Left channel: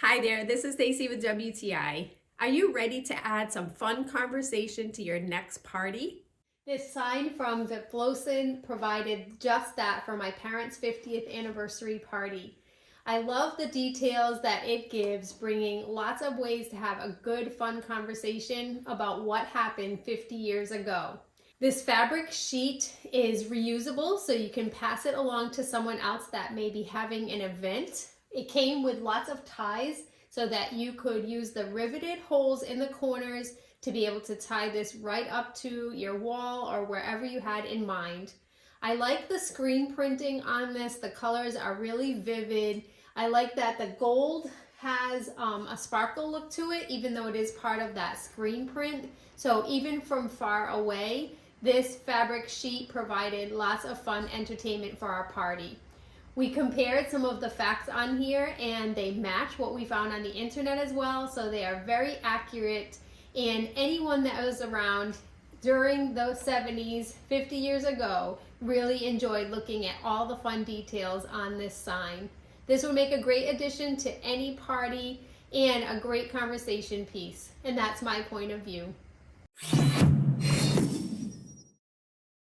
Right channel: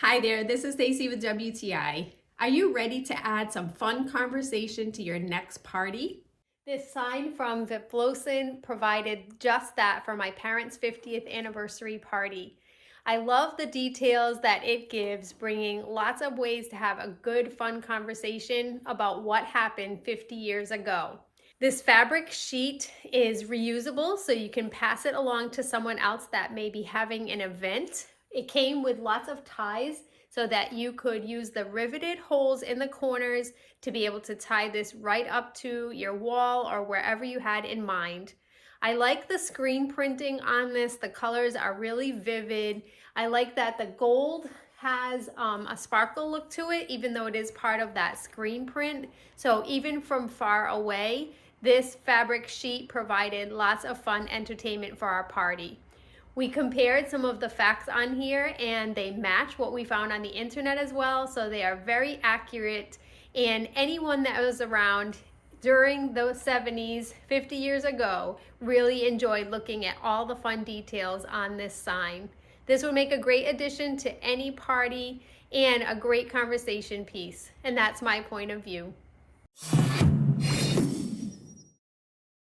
Hi there, this is Stacy with WTI. Are you ready to add some fun conversation to your next party? This sign from Vlipoeasn provided just that for my parents' 50th anniversary party. I love the details that it gives, bringing lots of ways to have a good, fun conversation about what happened 50 years ago. This fabric sheet is reusable, so you can pass it along to someone else that may be having an event. It came with lots of ties so that you could use the riveted holes in the corners to be able to tie this right up to your wall or wherever you had in mind. I like the screen printing on this. The colors are really vivid. I like that the gold has a sparkle look to it, even though it is part of that screen print. So even from far away, this fabric sheet provided lots of fun entertainment for our party. We compared some of the facts on here and they match what we found on the internet as well, so they are very accurate, and anyone that was around during those 70s, 50 years ago, really enjoyed looking at all the fun details on this sign. This would make a great addition to any party and a great conversation piece, and that's my point of view.